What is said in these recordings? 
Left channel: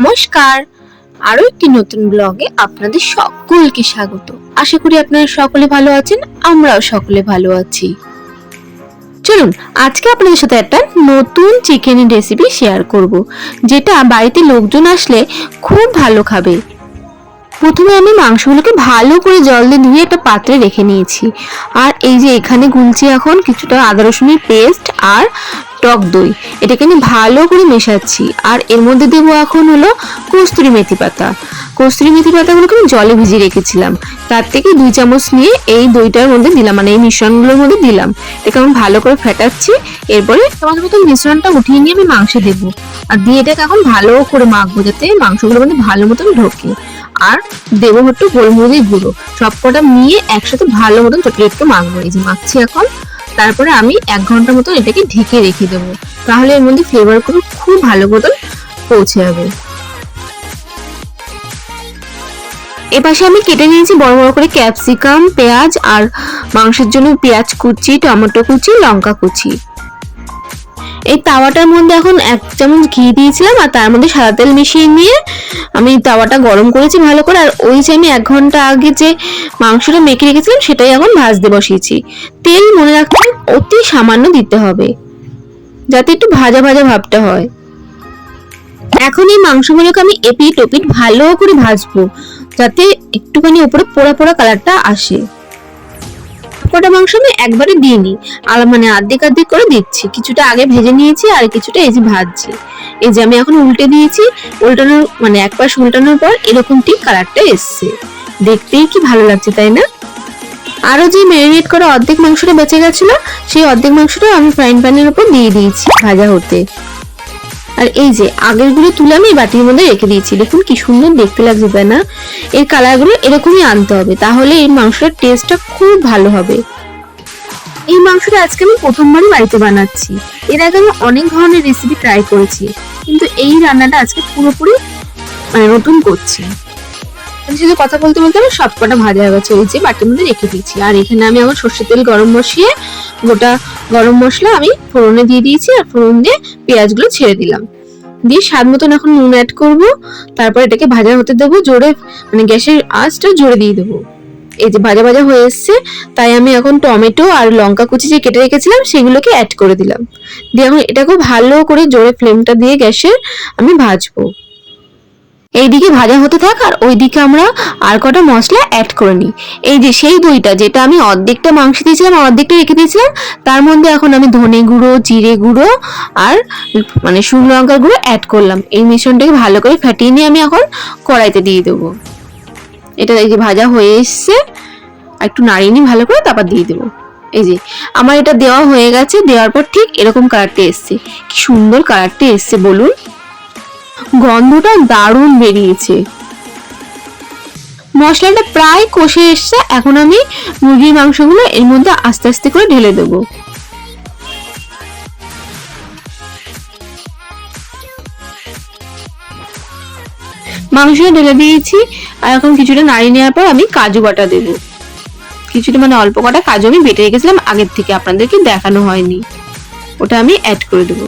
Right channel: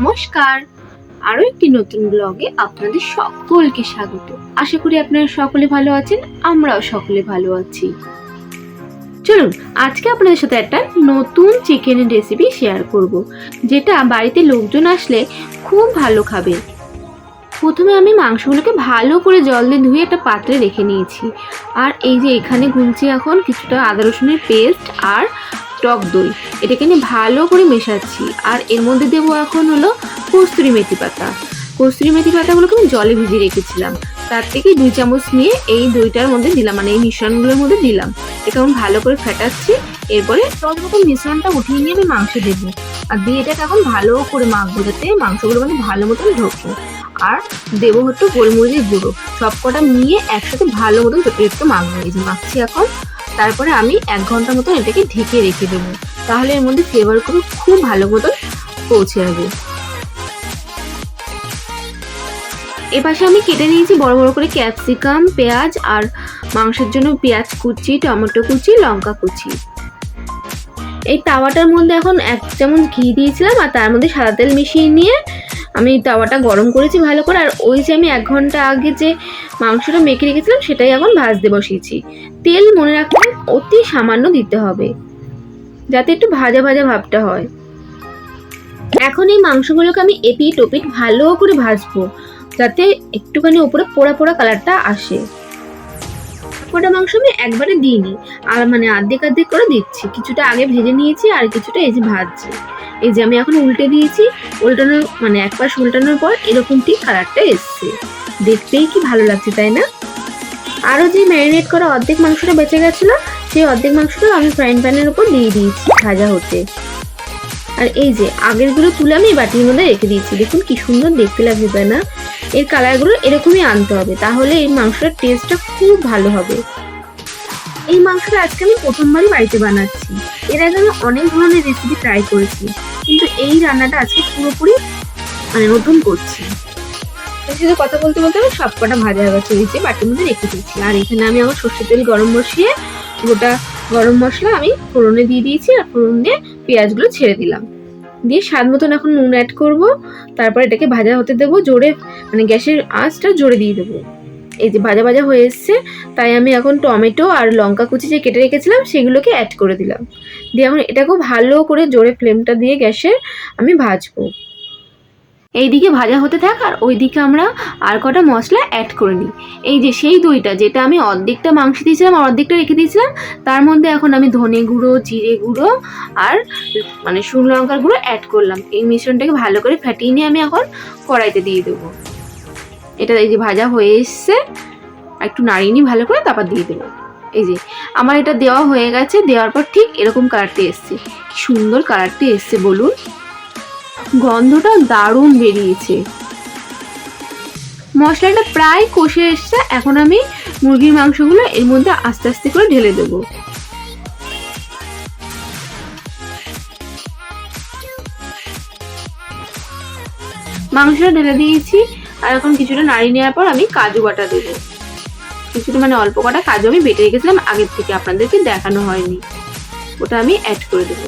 নমস্কার। আরও একটি নতুন ব্লগে আপনাদের সকলকে স্বাগত। আশা করি আপনারা সকলে ভালো আছেন, আমরাও সকলে ভালো আছি। চলুন, আজকে আপনাদের সাথে একটা নতুন চিকেনের রেসিপি শেয়ার করব, যেটা বাড়িতে লোকজন আসলে খুব ভালো খাবে। প্রথমে আমি মাংসগুলোকে ভালো করে জল দিয়ে ধুয়ে একটা পাত্রে রেখে নিয়েছি। আর এই যে এখানে গুলছি এখন কিছুটা আদা রসুনের পেস্ট আর টক দই। এটাকে আমি ভালো করে মেশাচ্ছি। আর এর মধ্যে দেবো এখন হলো কস্তুরি মেথি পাতা। কস্তুরি মেথি পাতাগুলোকে আমি জলে ভিজিয়ে রেখেছিলাম। তার থেকে দুই চামচ নিয়ে এই দইটার মধ্যে দিলাম মানে এই মিশ্রণগুলোর মধ্যে দিলাম। এটাকে আমি ভালো করে ফেটাচ্ছি। এরপরে তোমাদের মতো মিশ্রণটা উঠিয়ে নিয়ে আমি মাংস দেবো। আর দিয়ে এটাকে এখন ভালো করে মাখবো, যাতে মাংসগুলোর মধ্যে ভালো মতন ঢোকে। আর দেবো একটু গোলমরিচ গুঁড়ো। সব কটা নিয়ে একসাথে ভালো মতন চটকে একটু মাখবো। এই যে মাখছি এখন। তারপরে আমি এক ঘণ্টা মতো এটাকে ঢেকে রেখে দেব। তাহলে এর মধ্যে ফ্লেভার করে খুব ভালো মতো পৌঁছে যাবে। এপাশে আমি কেটে নিয়েছি বড় বড় করে ক্যাপসিকাম পেঁয়াজ আর মাংসের জন্য পেঁয়াজ কুচি, টমেটো কুচি, লঙ্কা কুচি। এই তাওয়াটার মধ্যে এখন এক চামচ ঘি দিয়েছিলাম আর তার মধ্যে সাদা তেল মিশিয়ে নিয়ে আমি তাওয়াটা গরম করেছি ভালো করে। আর ওই যে আমি এক ঘণ্টা আগে যে মাংসটা মেখে রেখেছিলাম, সেটাই এখন ভাজতে বসিয়েছি। তেল মনে রাখতে অতি সামান্য দিতে হবে, যাতে একটু ভাজা ভাজা ভাবটা হয়। এখন এই মাংসগুলোকে আমি এপিট ওপিট ভালো করে ভাজবো, যাতে একটুখানি উপরে পোড়া পোড়া কালারটা আসে। কটা মাংস আমি একবারে দিইনি। আর মানে আর্ধেক আর্ধেক করে দিচ্ছি। কিছুটা আগে ভেজে নিয়েছি আর কিছুটা এই যে ভাজছি। এই যে আমি এখন উল্টে দিয়েছি। উল্টানোর মানে এক পাশ উল্টানোর পর এরকম ঠিক কালারটা এসছে। দেখতেই কি ভালো লাগছে, তাই না? আরও যে ম্যারিনেট করা অর্ধেক মাংসটা বেঁচে গেছিল, সেই অর্ধেক মাংসটা আমি ফ্রাইং প্যানের উপর দিয়ে দিয়েছি ভাজা হতে। আর এই যে আগেরগুলো তুলে আমি বাটির মধ্যে রেখে দিয়েছি। দেখুন কি সুন্দর দেখতে লাগছে তাই না এর কালারগুলো এরকমই আনতে হবে, তাহলে এই মাংসটার টেস্টটা খুব ভালো হবে। এই মাংসটা আজকে আমি প্রথমবারই বাড়িতে বানাচ্ছি। এর আগে আমি অনেক ধরনের রেসিপি ট্রাই করেছি, কিন্তু এই রান্নাটা আজকে পুরোপুরি মানে নতুন করছি। সাথে কথা বলতে বলতে আমি সবকটা ভাজা হয়ে গেছে, ওই যে বাটির মধ্যে রেখে দিয়েছি। আর এখানে আমি আমার সর্ষের তেল গরম বসিয়ে গোটা গরম মশলা আমি ফোড়নে দিয়ে দিয়েছি আর ফোড়ন দিয়ে পেঁয়াজগুলো ছেড়ে দিলাম। দিয়ে স্বাদ মতন এখন নুন অ্যাড করব। তারপর এটাকে ভাজা হতে দেবো, জোরে মানে গ্যাসের আঁচটা জোরে দিয়ে দেবো। এই যে ভাজা ভাজা হয়ে এসছে, তাই আমি এখন টমেটো আর লঙ্কা কুচি যে কেটে রেখেছিলাম, সেগুলোকে অ্যাড করে দিলাম। দিয়ে এখন এটাকে ভালো করে জোরে ফ্লেমটা দিয়ে গ্যাসের আমি ভাজবো। এইদিকে ভাজা হতে থাক আর ওইদিকে আমরা আর কটা মশলা অ্যাড করে নিই। এই যে সেই দইটা, যেটা আমি অর্ধেকটা মাংস দিয়েছিলাম অর্ধেকটা রেখে দিয়েছিলাম, তার মধ্যে এখন আমি ধনে গুঁড়ো, জিরে গুঁড়ো আর মানে শুকনো লঙ্কা গুঁড়ো অ্যাড করলাম। এই মিশ্রণটাকে ভালো করে ফাটিয়ে নিয়ে আমি এখন কড়াইতে দিয়ে দেবো। এটা এই যে ভাজা হয়ে এসছে। একটু নাড়িয়ে নিই ভালো করে তারপর দিয়ে দেবো। এই যে, আমার এটা দেওয়া হয়ে গেছে, দেওয়ার পর ঠিক এরকম কালারটা এসছে। কি সুন্দর কালারটা এসছে, বলুন। গন্ধটা দারুণ বেরিয়েছে। মশলাটা প্রায় কষে এসছে, এখন আমি মুরগির মাংসগুলো এর মধ্যে আস্তে আস্তে করে ঢেলে দেবো। মাংসটা ঢেলে দিয়েছি, আর এখন কিছুটা নাড়িয়ে নেওয়ার পর আমি কাজু বাটা দেবো। কিছুটা মানে অল্প কটা কাজু আমি বেটে রেখেছিলাম, আগের থেকে আপনাদেরকে দেখানো হয়নি। ওটা আমি অ্যাড করে দেবো।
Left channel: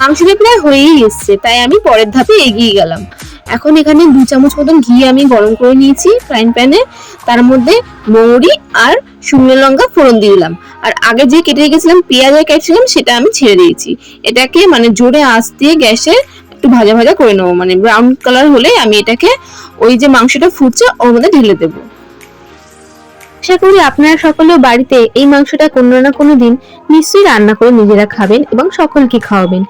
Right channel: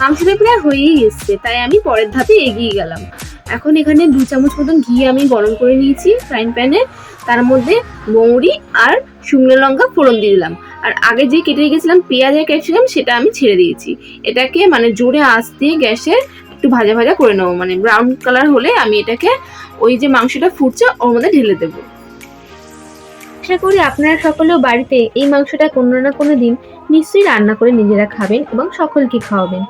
মাংসটা প্রায় হয়েই এসছে, তাই আমি পরের ধাপে এগিয়ে গেলাম। এখন এখানে দু চামচ মতন ঘি আমি গরম করে নিয়েছি ফ্রাইং প্যানে তার মধ্যে মৌরি আর শুকনো লঙ্কা ফোড়ন দিয়ে দিলাম। আর আগে যে কেটে রেখেছিলাম, পেঁয়াজ আর ক্যাপসিকাম, সেটা আমি ছেড়ে দিয়েছি। এটাকে মানে জোরে আঁচ দিয়ে গ্যাসে একটু ভাজা ভাজা করে নেব। মানে ব্রাউন কালার হলে আমি এটাকে ওই যে মাংসটা ফুটছে, ওর মধ্যে ঢেলে দেবো। আশা করি আপনারা সকলেও বাড়িতে এই মাংসটা কোনো না কোনো দিন নিশ্চয়ই রান্না করে নিজেরা খাবেন এবং সকলকে খাওয়াবেন।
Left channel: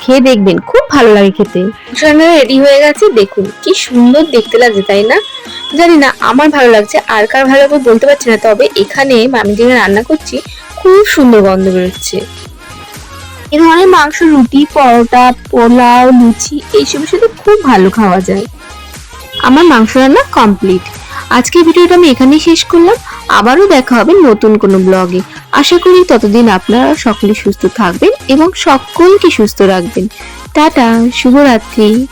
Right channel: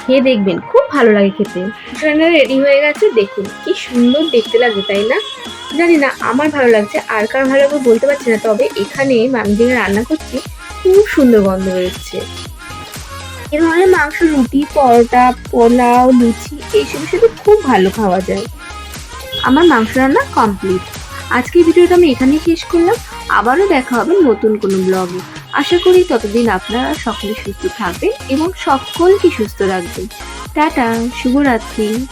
খেয়ে দেখবেন, খুব ভালো লাগে খেতে। রান্নাটা রেডি হয়ে গেছে, দেখুন কি সুন্দর দেখতে লাগছে, তাই না? জানি না আমার ভালো লাগছে, আর কার ভালো লাগবে বলতে পারছি না, তবে এখানে আমি যেখানে রান্না করছি, খুব সুন্দর গন্ধ বেরোচ্ছে। এ ধরনের মাংস, রুটি, পরোটা, পোলাও, লুচি এইসবের সাথে খুব ভালো খাওয়া যায়। আমার মাংস রান্না কমপ্লিট আজকের ভিডিওটা আমি এখানেই শেষ করলাম। আবারও দেখা হবে নতুন কোনো ব্লগে। আশা করি ততদিন আপনারা সকলে সুস্থ থাকবেন এবং সকলকে সুস্থ রাখবেন। টাটা, শুভরাত্রি।